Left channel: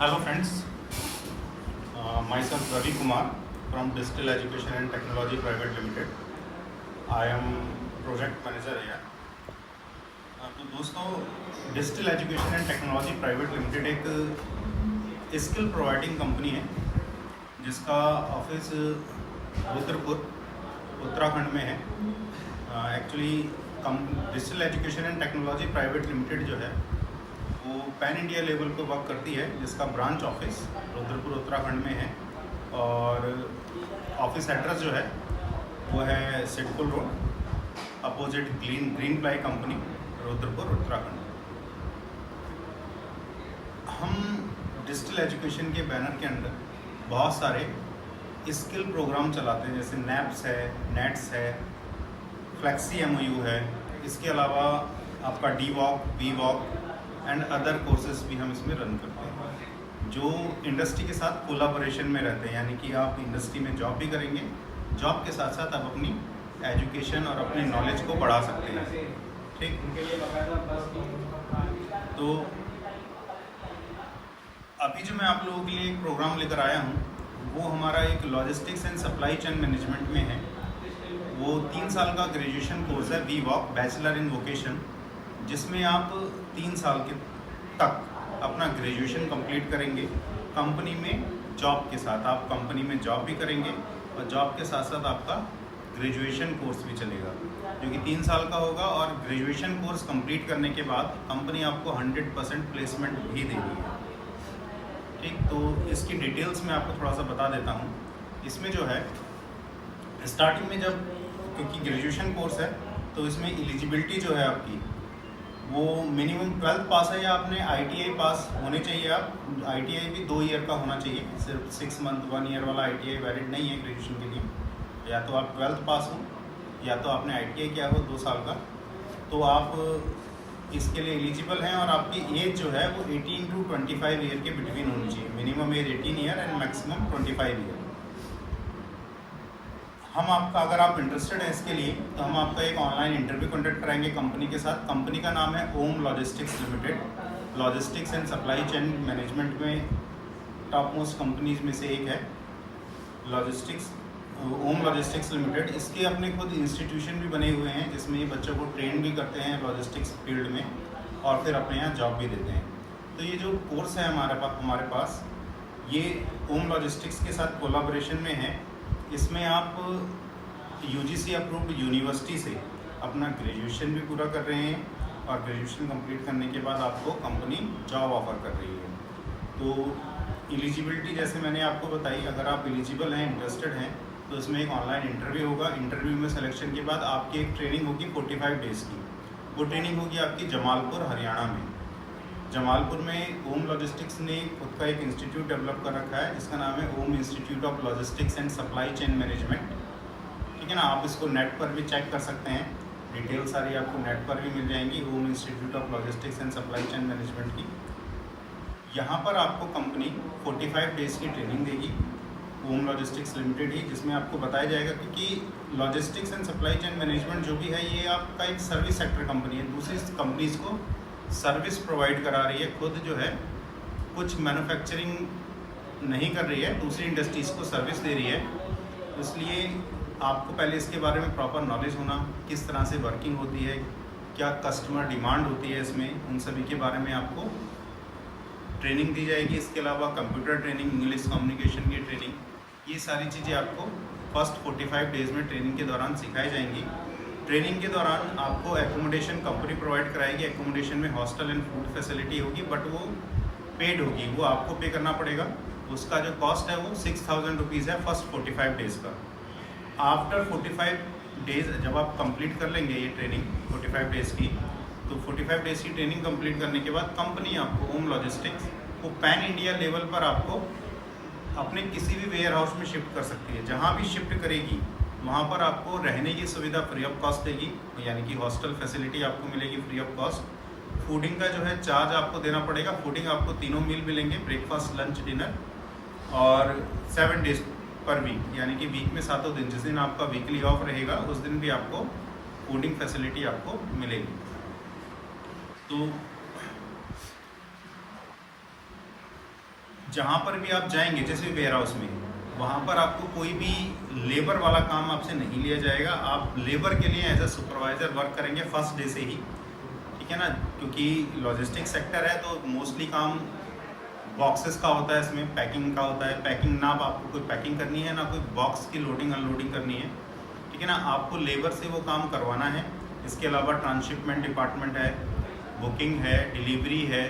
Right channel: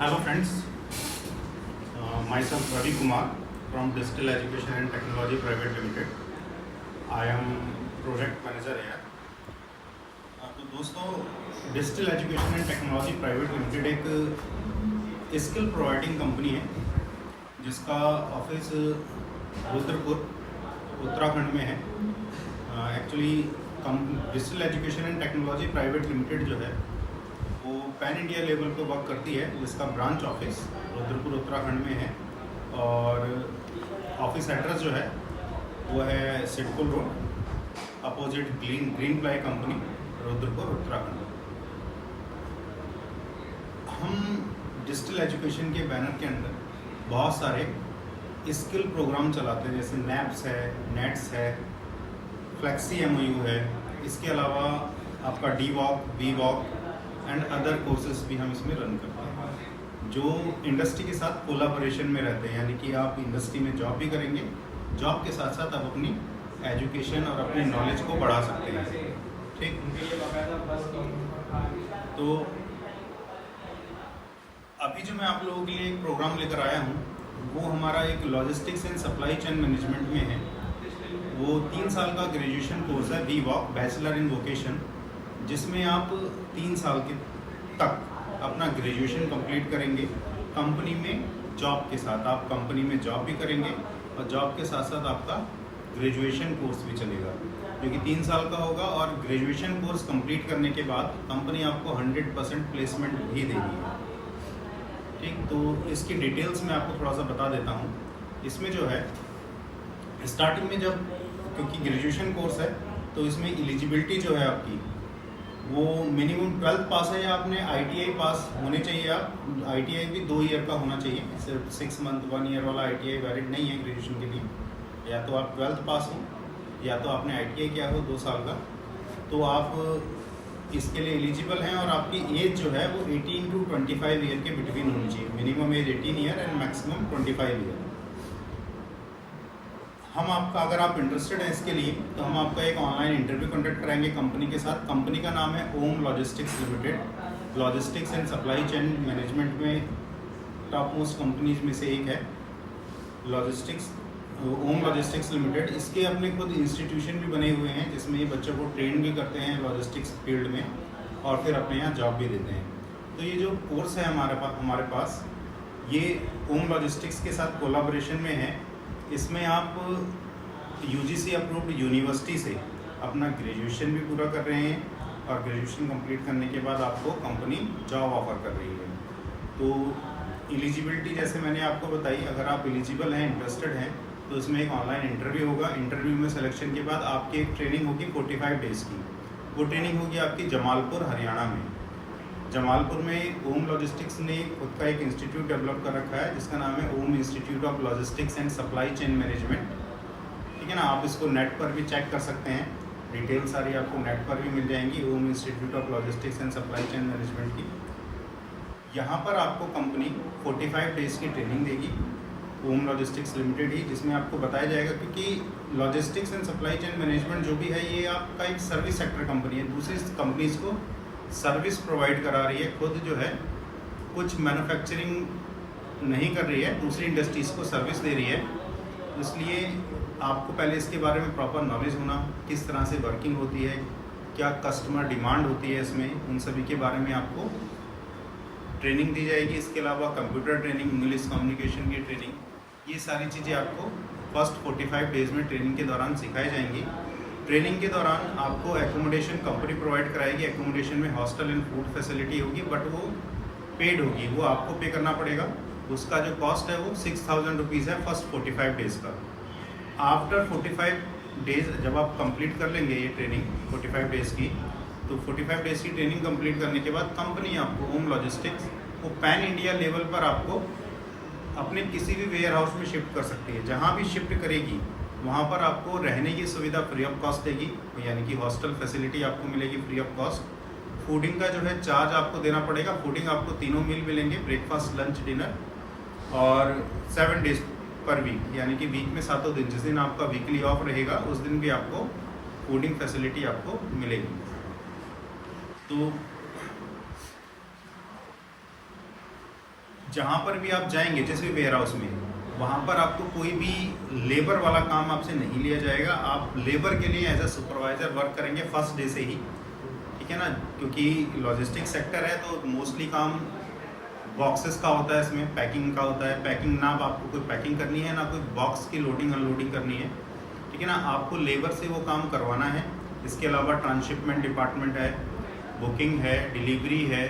Hello friends, myself Ravi Kumar from Distill Education and Technology Private Limited. I am project manager here. तो दोस्तों distil education and technology private limited एक skill providing company है जिसका office Rudrapur Uttarakhand में है। Actually distil education and technology private limited जो है वो पैन इंडिया लेवल पे वर्क करती है, जिसका ब्रांच ऑफिस रुद्रपुर उत्तराखंड में है और ऑफिस एड्रेस जो है वो है SIDCUL road opposite green ply company Rudrapur Uttarakhand. हम डिस्टिल एजुकेशन के बैनर के अंदर बहुत सारे स्किल प्रोग्राम चलाते हैं, जैसे नैप्स है, नेट्स है, फ्लेक्सी MOU है, इसके अलावा आपका DWOC, VWOC and other courses भी हम इसमें रन करते हैं जो इंडस्ट्री के साथ कोलाबोरेशन में रहते हैं। यानी कि आप इंडस्ट्री में जॉब भी करेंगे, जॉब के साथ साथ आप अपनी एजुकेशन और अपनी नॉलेज को बढ़ा सकते हैं। ठीक, तो अभी जो मैं आप लोगों के लिए एक प्रोग्राम लेकर आया हूँ वो हमारा एक logistics and supply chain management में है। वो 3 साल का ग्रेजुएशन कोर्स है, VWOC बैचलर इन वोकेशन, जिसमें आप 3 साल के तक अपना ग्रेजुएशन कंप्लीट करेंगे कंपनी में जॉब के साथ। आप कंपनी में जॉब भी करेंगे और जॉब के साथ साथ आपका ग्रेजुएशन कोर्स भी चलेगा जो कि 3 साल का होगा। और ग्रेजुएशन कोर्स कंप्लीट करने के बाद कंपनी आपको 100% प्लेसमेंट भी देगी। ठीक, तो इसकी डिटेल्स मैं आपको थोड़ा सा बता देता हूँ। इसमें जो है स्टार्टिंग में जब, क्योंकि ग्रेजुएशन कोर्स है तो इसमें एलिजिबिलिटी जो है आपकी वो मिनिमम 12th पास है या आपने ITI पास होने चाहिए। आप ITI भी 2 ईयर का होना चाहिए, सिर्फ 6 मंथ 1 ईयर वाला ITI वैलिड नहीं है ग्रेजुएशन के लिए। या तो आप 12th पास हो या तो आपने ITI किया हो 2 साल का, तो आप इसके लिए एलिजिबल हैं। और आपकी एज जो है वो 18 to 25 ईयर के बिटवीन होनी चाहिए। Minimum age 18 year and maximum 25 year. हम आपका, अगर आप इंटरेस्टेड हैं इसके लिए, तो हम आपका एक ऑनलाइन इंटरव्यू कंडक्ट कराएंगे कंपनी के साथ। कंपनी का नाम है Om logistics limited. Logistics and supply chain management में टॉप मोस्ट कंपनीज में से एक है लॉजिस्टिक्स, ओम लॉजिस्टिक्स लिमिटेड। इसके अपने खुद इंस्टीट्यूशन भी बने हुए हैं जिसमें ये बच्चों को ट्रेन भी करते हैं लॉजिस्टिक्स फील्ड में और फिर अपने यहाँ जॉब भी देते हैं। तो ये जो कोर्स है हमारे पास ये ओम लॉजिस्टिक्स के साथ कोलाबोरेशन में है। इसमें आप UGC अप्रूव्ड यूनिवर्सिटी से अपना ग्रेजुएशन भी पूरा कर रहे हैं और ग्रेजुएशन कंप्लीट करने के बाद आपको कंपनी जॉब ऑफर कर रही है। तो एलिजिबिलिटी जैसे मैंने आपको बताई, अगर आप एलिजिबल हैं, इंटरेस्टेड हैं, तो इसमें एक ऑनलाइन इंटरव्यू होगा। इंटरव्यू में सिलेक्शन के बाद आपकी एक ट्रेनिंग होगी 45 डेज़ की। वो ट्रेनिंग होगी आपकी जमालपुर हरियाणा में। जमालपुर में ओम लॉजिस्टिक्स ने खुद का एक इंस्टीट्यूट डेवलप कर रखा है जिसका नाम है Om institute of logistics and supply chain management. ठीक है ना, आप इसको नेट पर भी चेक कर सकते हैं, डिटेल सारी आपको नेट पर भी मिल जाएंगी Om institute of logistics and supply chain management की। यहाँ पर आपको कंपनी 45 डेज़ की ट्रेनिंग देगी ओम लॉजिस्टिक्स लिमिटेड ही, जिसमें आपको बताया जाएगा, क्योंकि logistics and supply chain management जो भी है ये आपका एक सर्विस सेक्टर कंपनी है, दूसरी कंपनीज को सर्विस प्रोवाइड करा रही है। खुद जो है कुछ मैन्युफैक्चरिंग नहीं कर रही है, दूसरी इंडस्ट्रीज़ को सर्विस दे रही है। इसलिए आपको पहले इसके बारे में प्रॉपर नॉलेज होना, किस तरह से वर्किंग होती है, क्या कस्टमर डिमांड होती है इसमें, उन सभी के बारे में आपको ट्रेनिंग दी जाएगी। इसके अलावा कंप्यूटर ट्रेनिंग, इंग्लिश कम्युनिकेशन की ट्रेनिंग, ये सारी चीज़ें आपको फर्स्ट 45 डेज़ में ट्रेनिंग के दौरान सिखाई जाएंगी। ट्रेनिंग के दौरान आपको एकोमोडेशन कंपनी प्रोवाइड कराएगी। एकोमोडेशन में हॉस्टल एंड फूड फैसिलिटी होगी, बट वो पेड होगी, वो आपको पे करना पड़ेगा। उसका जो कॉस्ट है वो 6000 रुपीज़ है फर्स्ट 45 डेज़ का। आफ्टर 45 डेज़ जब आप कंप्लीट कर लेंगे ये ट्रेनिंग 45 डेज़ की, तो 45 डेज़ की ट्रेनिंग कंप्लीट करने के बाद कंपनी आपको ओम लॉजिस्टिक्स वो पैन इंडिया लेवल पर आपको अपने किसी भी वेयर हाउस में शिफ्ट कर सकती है। जहाँ भी शिफ्ट करेगी वहाँ पर आपको रहने की सुविधा फ्री ऑफ कॉस्ट देगी, यानी कि हॉस्टल फैसिलिटी आपको मिलेगी फ्री ऑफ कॉस्ट। फूडिंग का जो है चार्ज आपको देना पड़ेगा। फूडिंग आपको 3 मील मिलेंगे, ब्रेकफास्ट, लंच, डिनर, और 7 डेज पर वीक, यानी कि वीक में 7 दिन, जिस दिन आपका वीकली ऑफ रहेगा उस दिन भी आपको फूडिंग फैसिलिटी आपको मिलेगी। तो जहाँ पर भी आप जाएंगे जैसे वेयर हाउस में, वहाँ पर आपको कोई भी लेबर वाला काम आपसे नहीं लिया जाएगा। आप लेबर के लिए एज अ सुपरवाइज़र वर्क करेंगे फर्स्ट डे से ही, ठीक है ना, क्योंकि लॉजिस्टिक सेक्टर है तो मोस्टली काम बॉक्सेस का होता है, इसमें पैकिंग का होता है। पैकिंग ना आपको कोई पैकिंग करनी है ना कोई बॉक्स की लोडिंग अनलोडिंग करनी है, ठीक है ना, आपको लेबर से वो काम करवाना है। इसके अलावा ट्रांसशिपमेंट डिपार्टमेंट है, बुकिंग है, डिलीवरी है,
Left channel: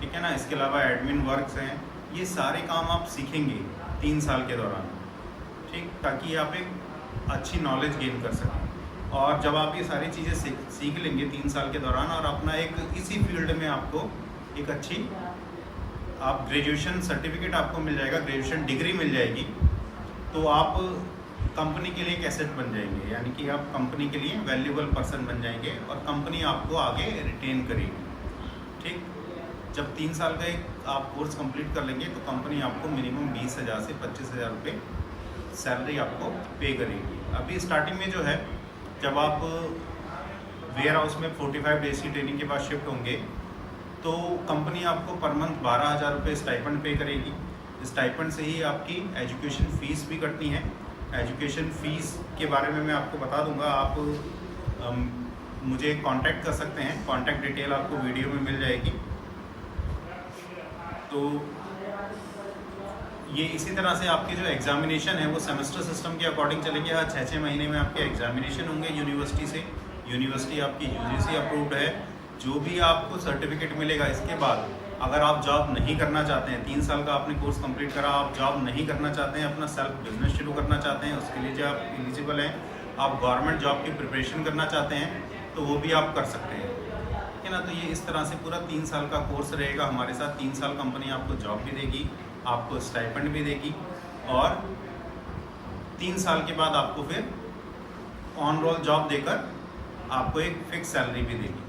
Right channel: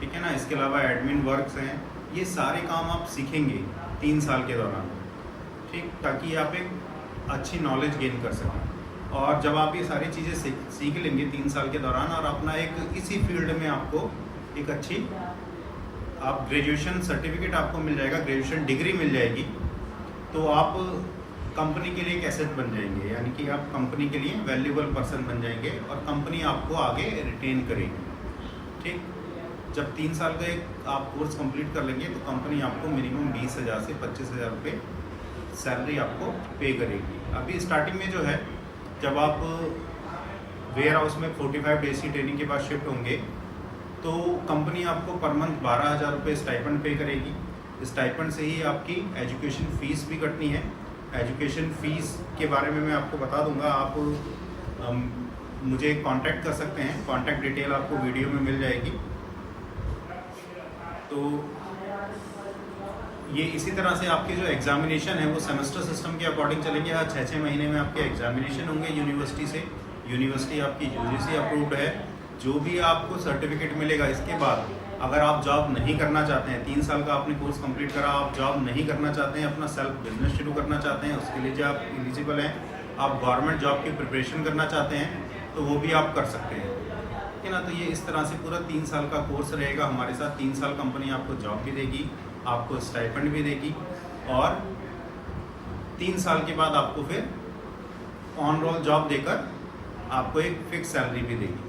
ठीक है ना, इसके अलावा एडमिन वर्क्स हैं। ये सारे काम आप सीखेंगे 3 साल के दौरान, ठीक, ताकि आप एक अच्छी नॉलेज गेन कर सकें। और जब आप ये सारी चीज़ें सीख लेंगे 3 साल के दौरान और अपना एक इसी फील्ड में आपको एक अच्छी आप ग्रेजुएशन सर्टिफिकेट आपको मिल जाएगा, ग्रेजुएशन डिग्री मिल जाएगी, तो आप कंपनी के लिए एक एसेट बन जाएंगे, यानी कि आप कंपनी के लिए वैल्यूएबल पर्सन बन जाएंगे और कंपनी आपको आगे रिटेन करेगी, ठीक। जब 3 साल का एक आप कोर्स कंप्लीट कर लेंगे तो कंपनी आपको मिनिमम 20,000 से 25,000 रुपये सैलरी आपको पे करेगी। अभी स्टार्टिंग में जो है, जब आप वेयर हाउस में 45 डेज की ट्रेनिंग के बाद शिफ्ट होंगे तो कंपनी आपको पर मंथ 12,000 रुपये स्टाइपेंड पे करेगी। स्टाइपेंड से ही आपकी एजुकेशन फ़ीस भी कटनी है। एजुकेशन फ़ीस के बारे में मैं आपको बता दूंगा, आप मुझे कांटेक्ट कर सकते हैं, कांटेक्ट डिटेल आपको वीडियो में मिल जाएगी। तो ये इसी तरह से आपके जो एग्जामिनेशन है वो सेमेस्टर सिस्टम के अकॉर्डिंग चलेंगे। हर 6-6 महीने में आपके एग्जामिनेशन होंगे यूनिवर्सिटी से। यूनिवर्सिटी आपकी यूजीसी अप्रूव्ड है। जो भी आपको सर्टिफिकेट मिलेगा, इसके बाद अगर आप जॉब नहीं करना चाहते हैं, 3 साल का आपने कोर्स कंप्लीट करा, आप जॉब नहीं करना चाहते हैं, अपना सेल्फ बिजनेस शुरू करना चाहते हैं, उसके लिए जो आप एलिजिबल हैं, आप गवर्नमेंट जॉब की प्रिपरेशन करना चाहते हैं, तो वो भी आप कर सकते हैं, ठीक है ना। तो ये इस तरह से पूरा 3 साल का कोर्स रहेगा हमारे साथ। 3 साल कंपनी आपको जॉब भी देगी, आपको स्टाइपेंड भी देगी और 3 साल के बाद आपको फिर ऑन रोल जॉब देकर आपको एक फिक्स सैलरी भी देगी।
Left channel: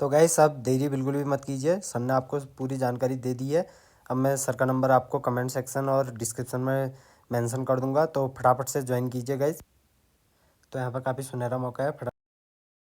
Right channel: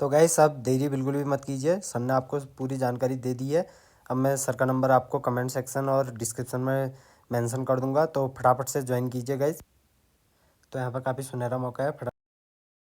तो गाइस आप देरी बिल्कुल भी मत कीजिए, सर ने आपको पूरी जानकारी दे दी है। अब मैं सर का नंबर आपको कमेंट सेक्शन और डिस्क्रिप्शन में मेंशन कर दूंगा, तो फटाफट से ज्वाइन कीजिए गाइस। तो यहाँ पर काफ़ी सुनहरा मौका है।